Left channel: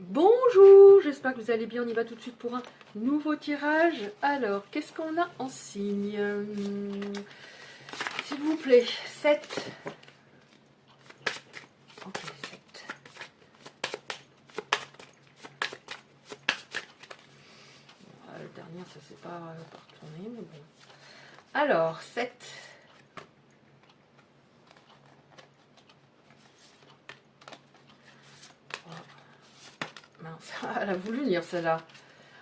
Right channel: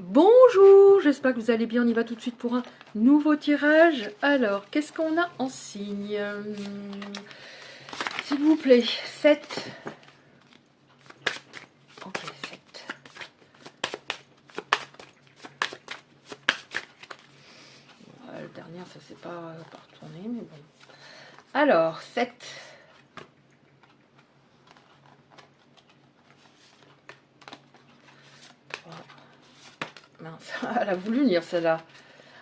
Bonjour, j'espère que vous allez bien. On y va tout de suite pour un nouveau tirage. Alors, qu'est-ce qu'on a en signe? S'il vous plaît, 7. Ok, 7. Le dernier, ça s'est pas retourné, mais bon. Alors, 7. Mince, elle a voulu lire celle-là.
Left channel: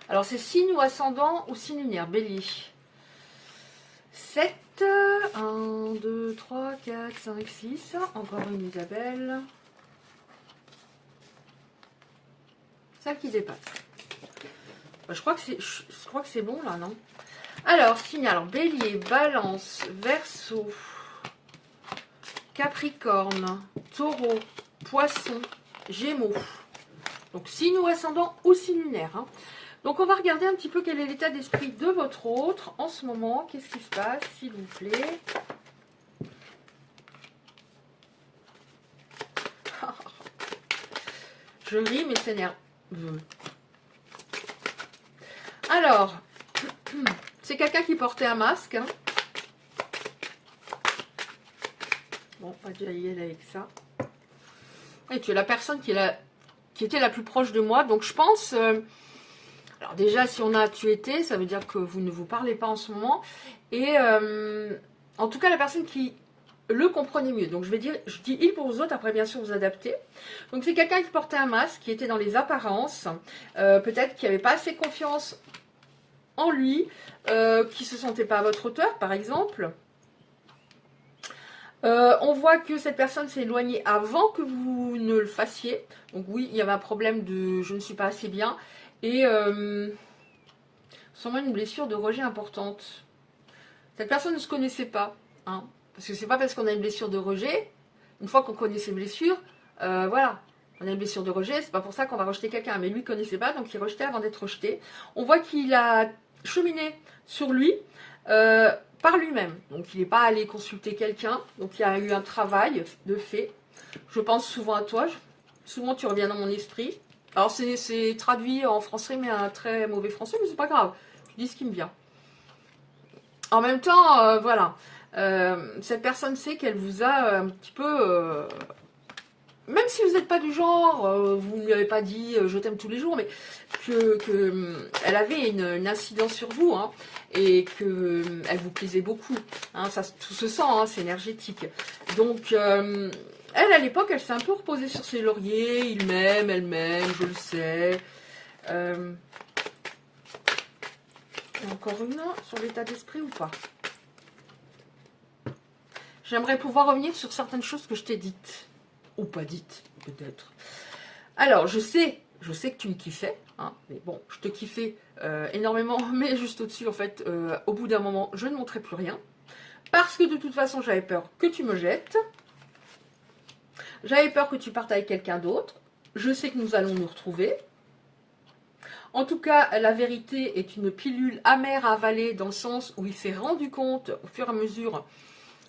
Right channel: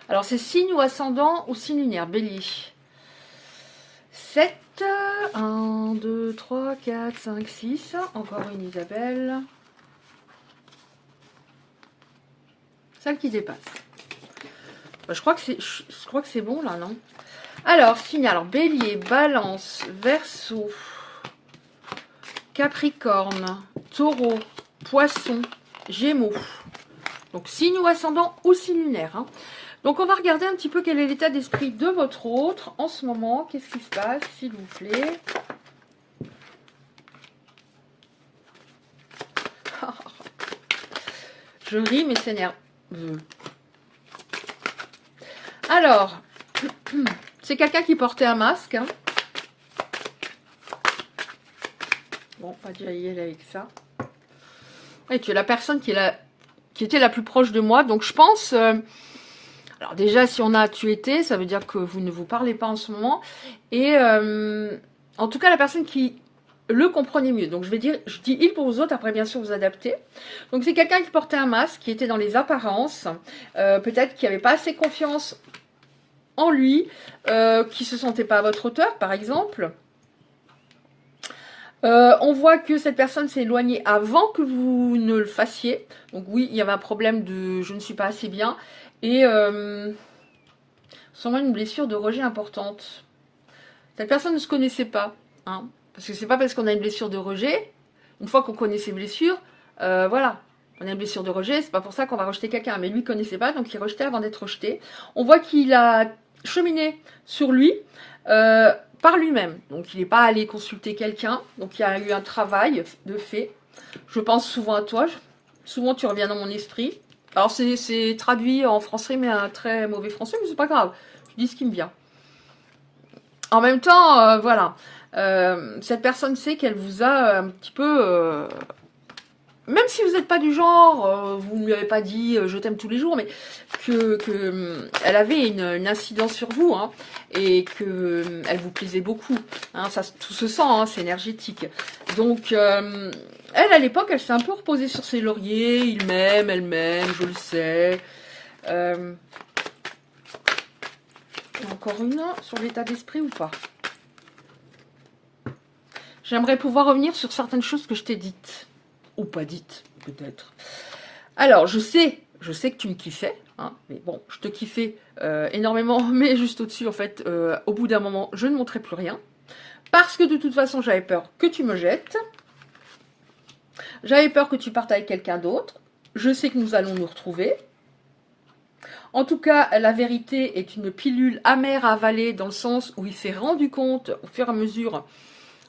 Alors, c'est signe ou ascendant ou signe lunaire, Bélier. 7. 1, 2, 3, 4, 5, 6. Encore une Isabelle. 5 qui dépasse. Bah, je crois que c'est bon là, non? Alors, signe, alors Bélier, Balance, Verseau, Capricorne, Taureau, Poisson, Gémeaux. Donc signe ou ascendant ou signe lunaire. Hein. Donc on va regarder un petit peu quel est l'état d'esprit de votre autre en ce moment. Qu'est-ce qui se passe, s'il vous plaît? Je ris, mais c'est nerveux. Alors, c'est quelqu'un qui portait un masque. Hein. Bon, pas d'y aller avec ça. Et tu es la personne qui était la plus proche de moi. Donc je pense... alors déjà, si on a tu étais, ça veut dire que vous ne vous parlez pas en ce moment. Et en tout cas, la personne qui le comprenait mieux. Donc je dis il pour vous autres, après bien sûr vous adaptez. Donc c'est quelqu'un qui portait un masque, qui était dans les apparences, peut-être qui n'avait pas assez confiance en lui, qui se sentait pas à votre hauteur par exemple. On voit que cette personne s'est éloignée avant que vous ne le fassiez. Donc oui, il y avait un problème de je ne suis pas assez bien. Et sûrement une blessure de rejet importante. Cette personne ne se connaissait pas. Hein, parce que c'est pas parce qu'on a une blessure de rejet, une fois qu'on connaît ses blessures, voilà. On a une blessure de rejet, c'est pas pour ça qu'on va rejeter quelqu'un. Mais lui, il connaissait pas, donc il rejetait avant d'être rejeté. On voit qu'il a cheminé sur lui par lui-même. Donc il n'est pas allé consulter quelqu'un. Donc il y a eu un travail de fait. Je pense souvent à toi. Souvent tu reviens dans mon esprit. Alors c'est traduit en français, mais un très mauvais français, mais c'est pas grave. Je dis ce qui me vient. En même temps, voilà. Cette personne sait qu'elle vous a un petit peu... même si vous n'êtes pas du genre, vous ne lui avez pas dit je t'aime tous les jours, mais elle avait une incidence sur vous, hein, et qu'elle vous plaisait beaucoup. Hein, ça, tout se sent, hein, c'est énergétique. Donc, elle, à l'époque, elle s'est un peu reposée sur ses lauriers. Il m'aime, elle m'aime, je le sais. Encore une sur l'état d'esprit ou pas? J'aimerais pouvoir revenir sur certaines choses que je t'ai dites. Ou pas dites, peut-être. Alors, je sais que tu me kiffais. Hein, mais bon, je te kiffais énormément. Mais juste au-dessus, en fait, au bout d'un moment, je ne montrais plus rien. Parce que de toute façon, j'avais peur que tu me jettes. J'avais peur que tu partes avec quelqu'un d'autre. Je sais que nous allons nous retrouver. En tout cas, la vérité est une pilule amère à avaler dans le sens où il s'est rendu compte au fur et à mesure,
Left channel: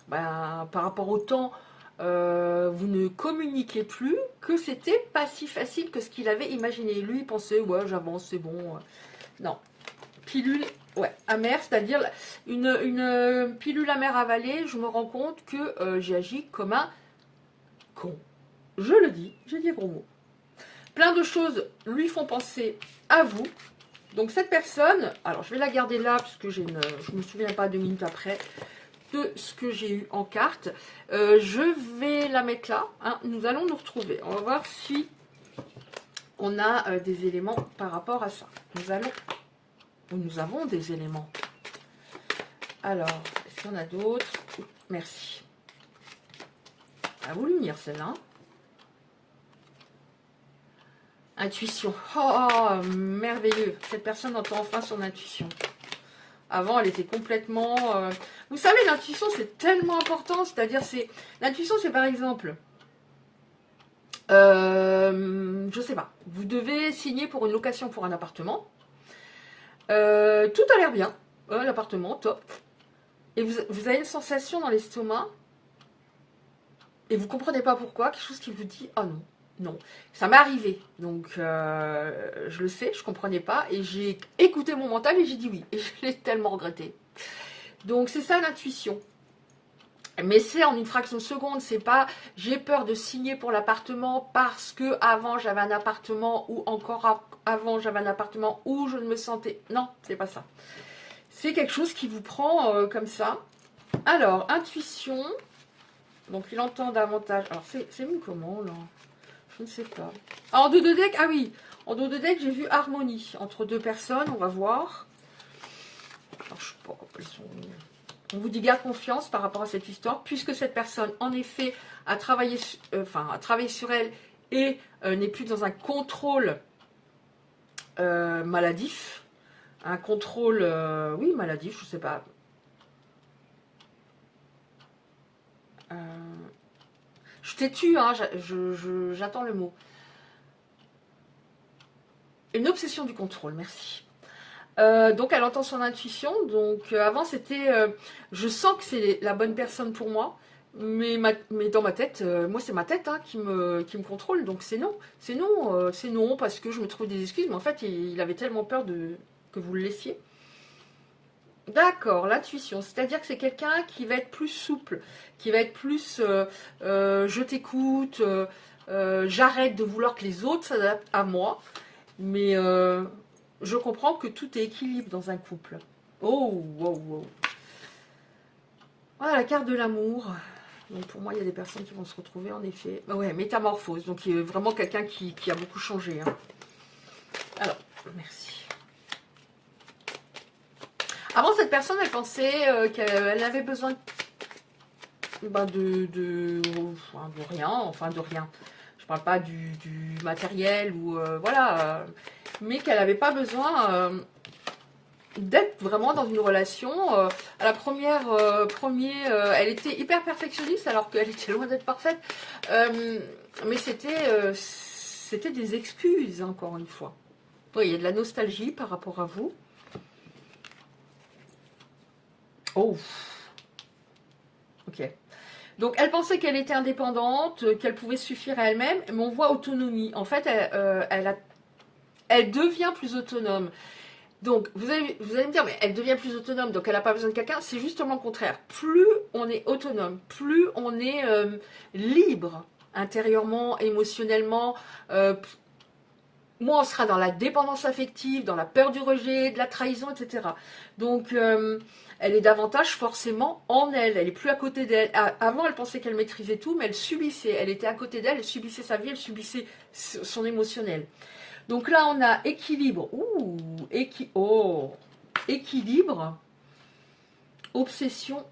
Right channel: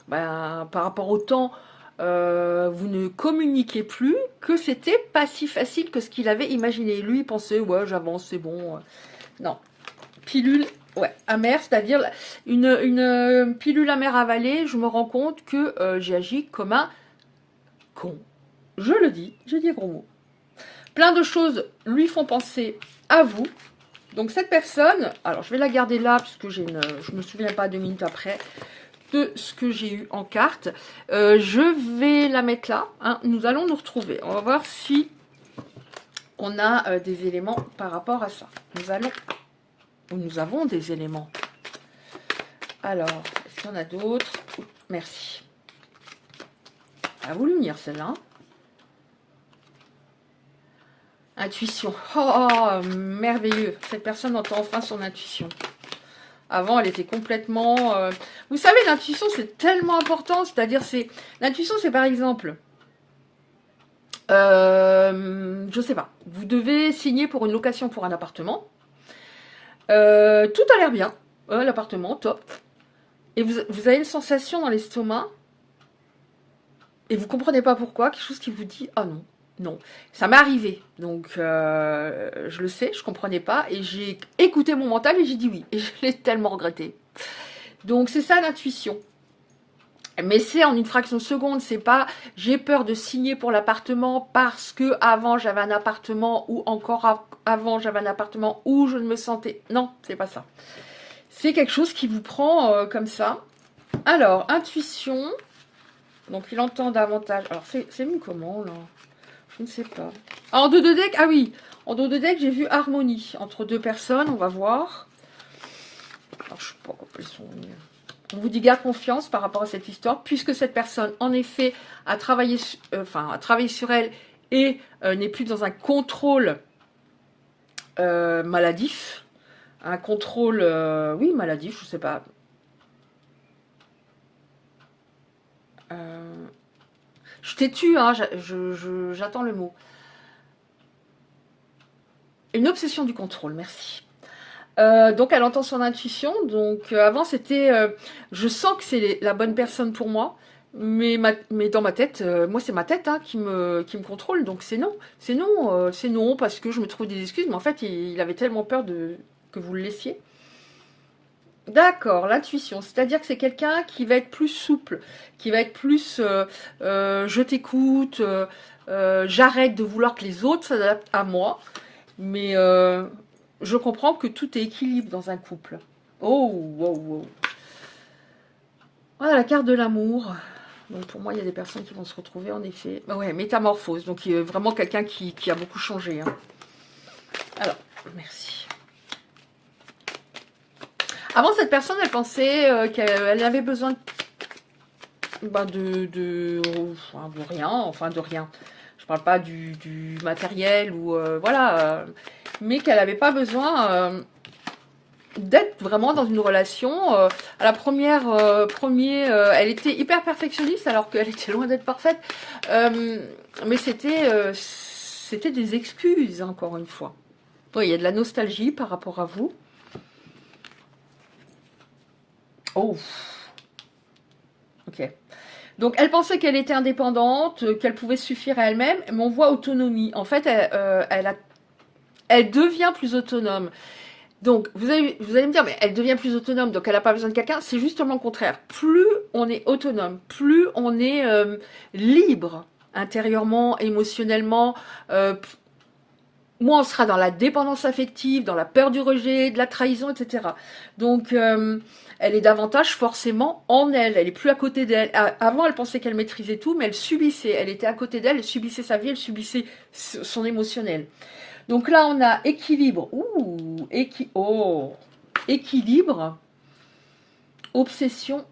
par rapport au temps, vous ne communiquez plus, que c'était pas si facile que ce qu'il avait imaginé. Lui, il pensait, ouais, j'avance, c'est bon. Non. Pilule, ouais, amère, c'est-à-dire une pilule amère à avaler, je me rends compte que j'ai agi comme un con. Je le dis, j'ai dit gros mot. Plein de choses lui font penser à vous. Donc cette personne, alors je vais la garder là, puisque je ne me souviens pas 2 minutes après de ce que j'ai eu en carte. Je vais la mettre là. Hein. Nous allons nous retrouver. On va voir si on a des éléments par rapport à ça. Nous avons des éléments. Alors, est-ce qu'il y en a d'autres? Merci. Elle a voulu venir celle-là. Hein. Intuition. Oh, merveilleux. Cette personne entend enfin son intuition. Avant, elle était complètement... Vous savez, l'intuition, c'est tellement important. C'est-à-dire, l'intuition, c'est par exemple... je sais pas. Vous devez signer pour une location pour un appartement. Tout a l'air bien. L'appartement, top. Et vous avez une sensation dans l'estomac. Et vous comprenez pas pourquoi. Quelque chose qui vous dit, oh non, non. Ça m'est arrivé, donc je le sais, je comprenais pas, et j'ai écouté mon mental et j'ai dit oui, et je l'ai tellement regretté. Donc c'est ça l'intuition. Mais c'est en une fraction de seconde, c'est pas j'ai peur de signer pour l'appartement parce que avant j'avais un appartement ou encore avant j'avais un appartement où je ne me sentais... Non, c'est pas ça. C'est quelque chose qui vous prend comme ça. Alors, intuition. Donc il entend davantage. Alors c'est mis comment là? Je ne sais pas. Ah, en dos de deck, ah oui. En dos de deck, j'ai vu harmonie entre deux personnes, on va voir. Alors, je sais pas, elles sont... On vous dit garde confiance par rapport à cette histoire, puisque cette personne, en effet, a travaillé sur elle et n'est plus dans un contrôle maladif. Un contrôle, oui, maladif, je sais pas. Je t'ai tu, hein, j'attends le mot. Une obsession du contrôle, merci. Donc elle entend son intuition. Donc avant c'était, je sens que c'est la bonne personne pour moi, mais dans ma tête, moi c'est ma tête hein, qui me contrôle. Donc c'est non, c'est non parce que je me trouve des excuses. Mais en fait il avait tellement peur que vous le laissiez. D'accord, l'intuition, c'est-à-dire que c'est quelqu'un qui va être plus souple, qui va être plus je t'écoute, j'arrête de vouloir que les autres s'adaptent à moi, mais je comprends que tout est équilibre dans un couple. Oh, wow, wow. Voilà la carte de l'amour. Donc pour moi, il y a des personnes qui vont se retrouver en effet. Bah ouais, métamorphose, donc il y a vraiment quelqu'un qui a beaucoup changé. Hein. Alors, merci. Avant, cette personne, elle pensait qu'elle avait besoin de rien, enfin de rien. Je parle pas du matériel ou voilà, mais qu'elle n'avait pas besoin d'être vraiment dans une relation. À la elle était hyper perfectionniste alors qu'elle était loin d'être parfaite. Mais c'était des excuses, encore une fois. Oui, il y a de la nostalgie par rapport à vous. Oh, ok. Donc, elle pensait qu'elle était indépendante, qu'elle pouvait suffire à elle-même, mais on voit autonomie. En fait, elle devient plus autonome. Donc, vous allez me dire, mais elle devient plus autonome, donc elle n'a pas besoin de quelqu'un. C'est justement le contraire. Plus on est autonome, plus on est libre intérieurement, émotionnellement, moins on sera dans la dépendance affective, dans la peur du rejet, de la trahison, etc. Donc, elle est davantage forcément en elle. Elle est plus à côté d'elle. Avant, elle pensait qu'elle maîtrisait tout, mais elle subissait. Elle était à côté d'elle, elle subissait sa vie, elle subissait son émotionnel. Donc là, on a équilibre. Ouh, équilibre. Obsession.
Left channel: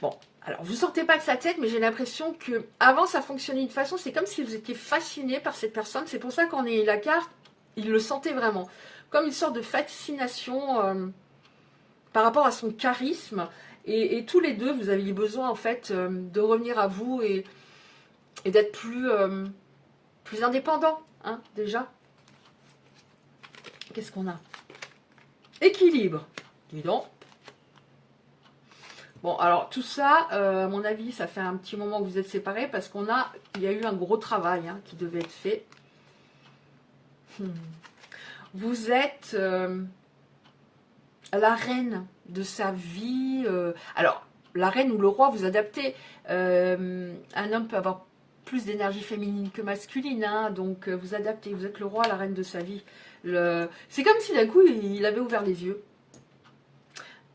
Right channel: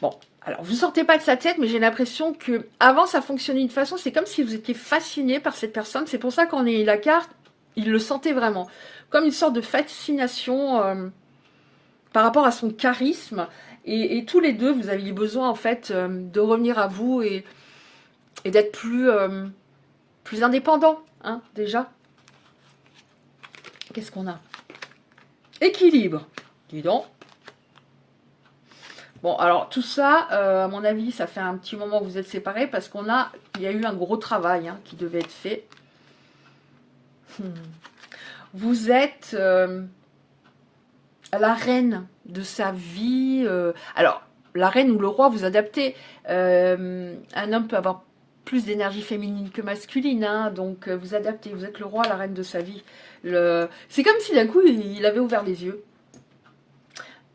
Bon, alors vous ne sortez pas de sa tête, mais j'ai l'impression que avant ça fonctionnait d'une façon, c'est comme si vous étiez fasciné par cette personne. C'est pour ça qu'on a eu la carte, il le sentait vraiment. Comme une sorte de fascination par rapport à son charisme. Et tous les deux, vous aviez besoin en fait de revenir à vous et d'être plus indépendant, hein, déjà. Qu'est-ce qu'on a? Équilibre. Dis donc. Bon, alors tout ça, à mon avis, ça fait un petit moment que vous êtes séparés parce il y a eu un gros travail hein, qui devait être fait. Vous êtes la reine de sa vie. Alors, la reine ou le roi, vous adaptez. Un homme peut avoir plus d'énergie féminine que masculine, hein, donc vous adaptez. Vous êtes le roi, la reine de sa vie. C'est comme si d'un coup, il avait ouvert les yeux.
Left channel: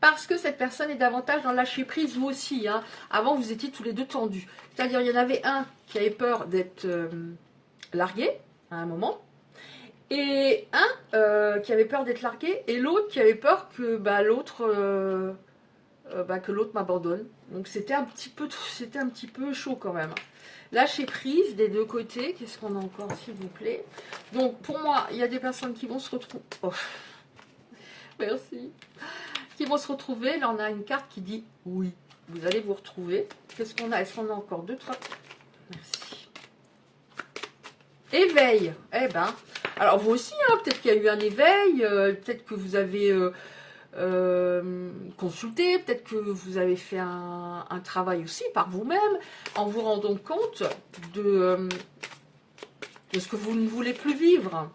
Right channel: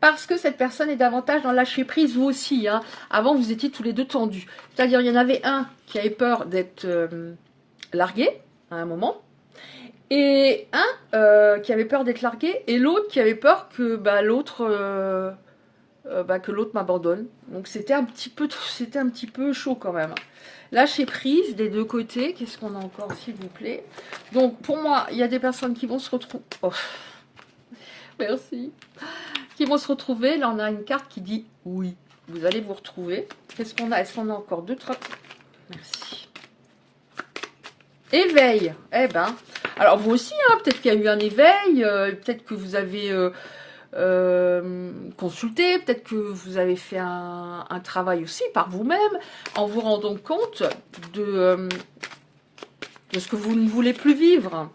Parce que cette personne est davantage dans le lâcher prise, vous aussi. Hein. Avant, vous étiez tous les deux tendus. C'est-à-dire, il y en avait un qui avait peur d'être largué à un moment, et un qui avait peur d'être largué, et l'autre qui avait peur que l'autre m'abandonne. Donc c'était un petit peu chaud quand même. Lâcher prise des deux côtés. Qu'est-ce qu'on a encore, s'il vous plaît? Donc pour moi, il y a des personnes qui vont se retrouver. Oh. Merci. Qui vont se retrouver. Là, on a une carte qui dit oui. Vous allez vous retrouver. Qu'est-ce qu'on a? Est-ce qu'on a encore deux, trois? Merci. Éveil. Eh ben. Alors vous aussi, hein, peut-être qu'il y a eu un éveil. Peut-être que vous avez consulter, peut-être que vous avez fait un travail aussi par vous-même, en vous rendant compte de ce que vous ne voulez plus vivre.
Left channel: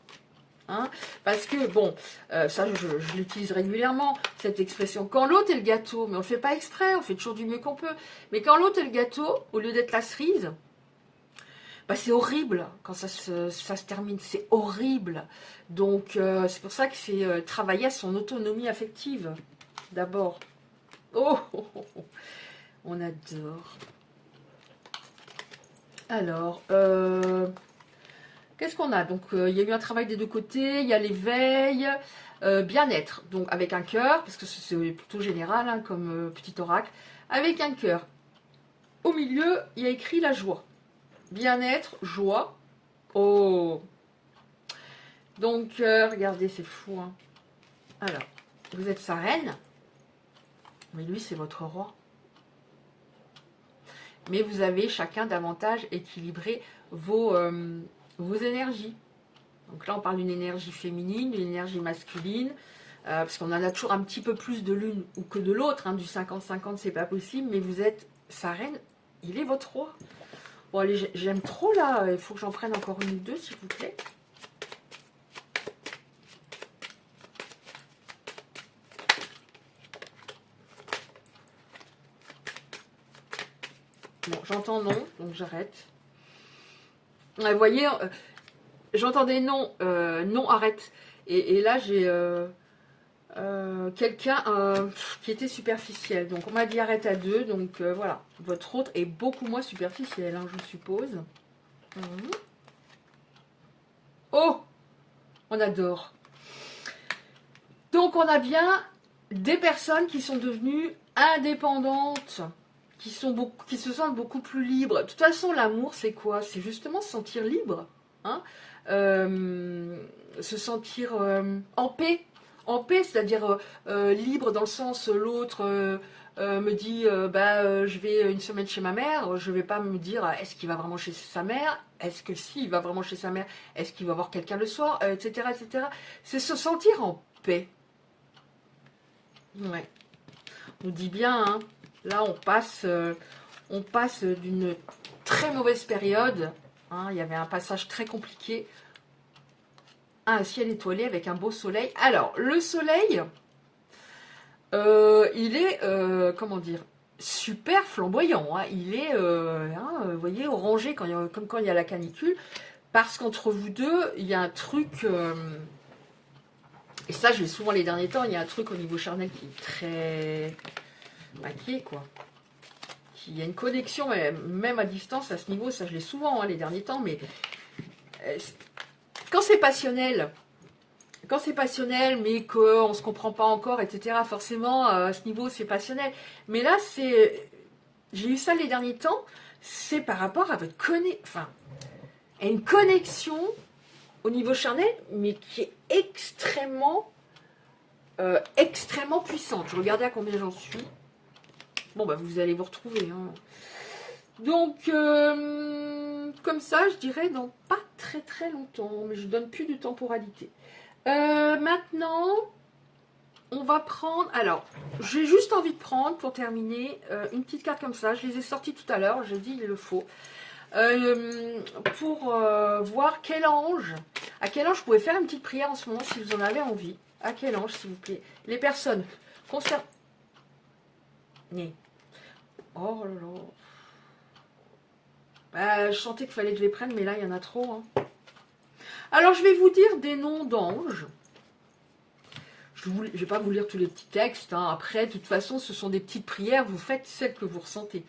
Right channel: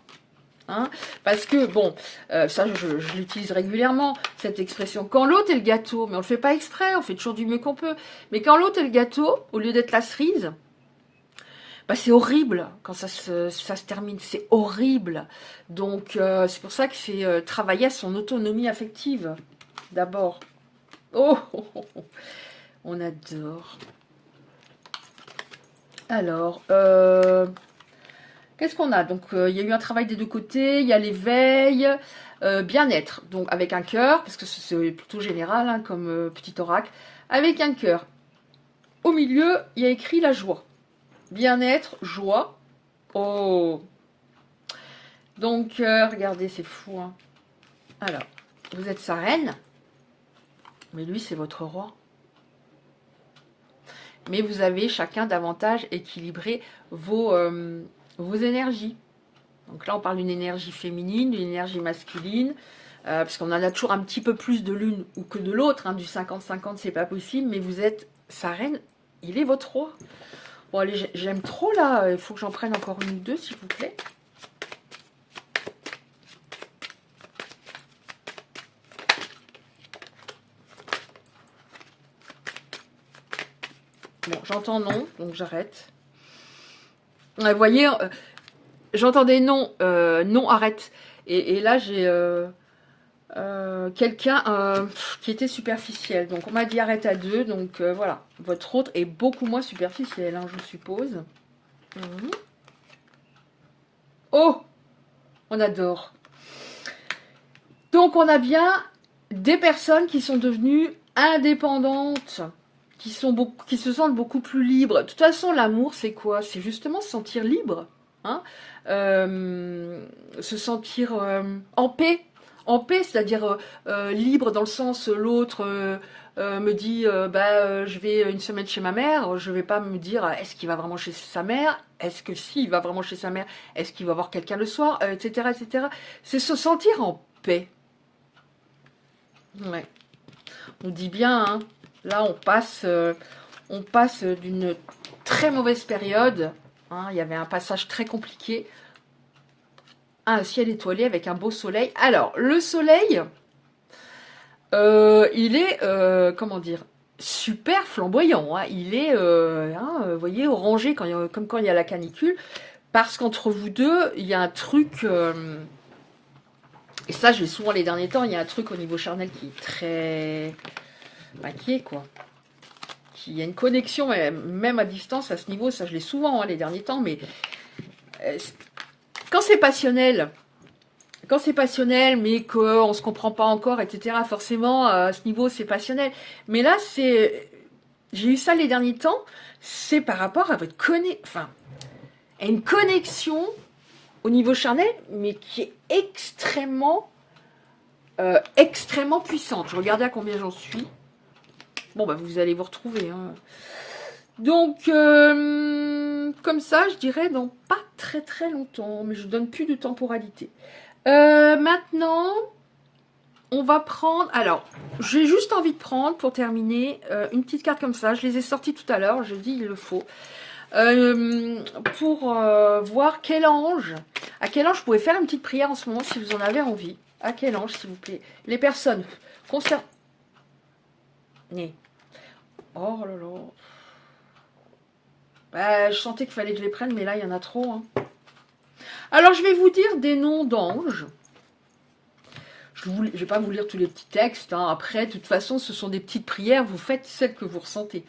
Hein, parce que, bon, ça je l'utilise régulièrement, cette expression, quand l'autre est le gâteau, mais on ne le fait pas exprès, on fait toujours du mieux qu'on peut, mais quand l'autre est le gâteau, au lieu d'être la cerise, bah, c'est horrible quand ça se termine, c'est horrible. Donc c'est pour ça que c'est travailler à son autonomie affective, d'abord. Oh, oh, oh, oh, on adore. Alors, qu'est-ce qu'on a? Donc, il y a eu un travail des deux côtés, il y a l'éveil, bien-être, donc avec un cœur, parce que c'est plutôt général hein, comme petit oracle, avec un cœur. Au milieu, il y a écrit la joie. Bien-être, joie. Oh! Donc, regardez, c'est fou. Hein. Alors, vous êtes sa reine, mais lui, c'est votre roi. Mais vous avez chacun davantage équilibré vos énergies. Donc là, on parle d'une énergie féminine, d'une énergie masculine, parce qu'on en a toujours un petit peu plus de l'une ou que de l'autre. Hein, du 50-50, c'est pas possible, mais vous êtes sa reine, il est votre roi. Bon, allez, j'aime trop là, il faut que j'en prenne encore une ou deux, s'il vous plaît. Bon, j'entends non, donc j'arrête. Vous voyez, j'entendais non, non, arrête. Et là, j'ai quelqu'un qui était superficiel. Donc, on m'a dit arrête à deux. Donc, voilà. Votre autre est beaucoup moins superficiel, hein, je suppose. Mmh. Oh, on adore. Donc, on a bien des personnes qui sont devenues indépendantes, qui se sentent beaucoup plus libres. De toute façon, l'amour, c'est quoi? C'est justement se sentir libre. Hein, se sentir en paix. En paix, c'est-à-dire libre dans le sens l'autre me dit je vais une semaine chez ma mère, je vais pas me dire est-ce qu'il va vraiment chez sa mère, est-ce que si il va vraiment chez sa mère, est-ce qu'il va voir quelqu'un le soir, etc., etc. C'est se sentir en paix. Ouais. On dit bien, hein, là on passe d'une très mauvaise période. Hein, il y avait un passage très compliqué à un ciel étoilé avec un beau soleil. Alors, le soleil, il est, comment dire, super flamboyant. Hein. Il est, vous voyez, orangé comme quand il y a la canicule. Parce qu'entre vous deux, il y a un truc... et ça, je l'ai souvent les derniers temps, il y a un truc au niveau charnel qui est très... inquiet, quoi. Il y a une connexion, même à distance, à ce niveau, ça je l'ai souvent hein, les derniers temps, mais quand c'est passionnel, mais qu'on ne se comprend pas encore, etc., forcément, à ce niveau, c'est passionnel. Mais là, j'ai eu ça les derniers temps, c'est par rapport à votre à une connexion au niveau charnel, mais qui est extrêmement puissante. Je regardais à combien j'en suis. Bon, bah, vous allez vous retrouver. Hein. Donc, comme ça, je dirais dans pas très très longtemps, mais je donne plus de temporalité. Maintenant, on va prendre... Alors, j'ai juste envie de prendre, pour terminer, une petite carte comme ça. Je les ai sorties tout à l'heure, je dis il le faut. Pour voir quel ange... À quel ange je pouvais faire une petite prière en ce moment, si vous en avez envie. À quel ange, s'il vous plaît. Les personnes concernées... Oh là là. Bah, je sentais qu'il fallait que je les prenne, mais là, il y en a trop. Hein. Alors, je vais vous dire des noms d'anges. Je ne vais pas vous lire tous les petits textes. Hein. Après, de toute façon, ce sont des petites prières. Vous faites celles que vous ressentez.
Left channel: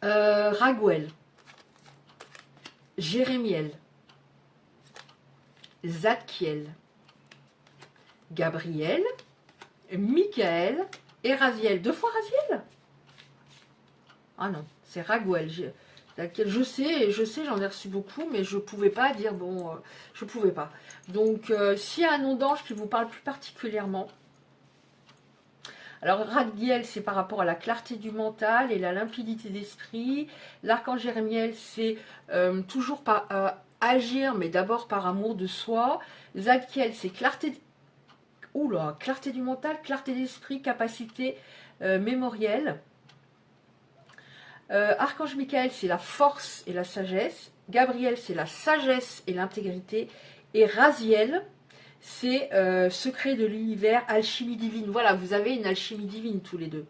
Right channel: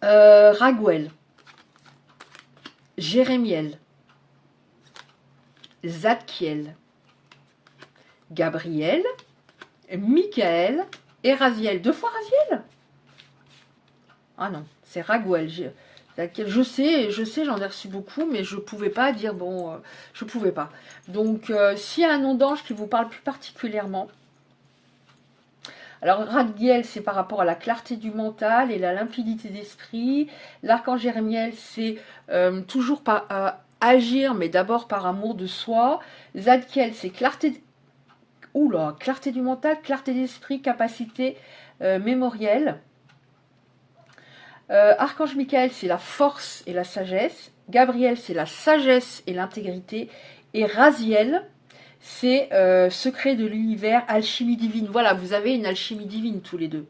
Raguel. Jérémiel. Zadkiel. Gabriel. Michael. Et Raziel. 2 fois Raziel? Ah non, c'est Raguel. Je sais, j'en ai reçu beaucoup, mais je ne pouvais pas dire, bon, je ne pouvais pas. Donc, s'il y a un nom d'ange qui vous parle plus particulièrement, alors Raguel, c'est par rapport à la clarté du mental et la limpidité d'esprit. L'archange Jérémiel, c'est toujours par agir, mais d'abord par amour de soi. Zadkiel, c'est clarté Oula, clarté du mental, clarté d'esprit, capacité mémorielle. Archange Michael, c'est la force et la sagesse. Gabriel, c'est la sagesse et l'intégrité. Et Raziel, c'est secret de l'univers, alchimie divine. Voilà, vous avez une alchimie divine tous les deux.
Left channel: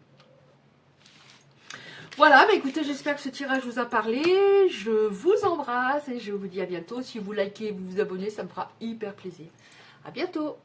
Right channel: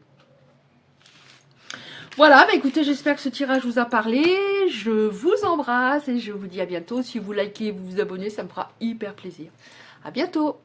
Voilà, bah écoutez, j'espère que ce tirage vous a parlé. Je vous embrasse et je vous dis à bientôt. Si vous likez et vous vous abonnez, ça me fera hyper plaisir. À bientôt.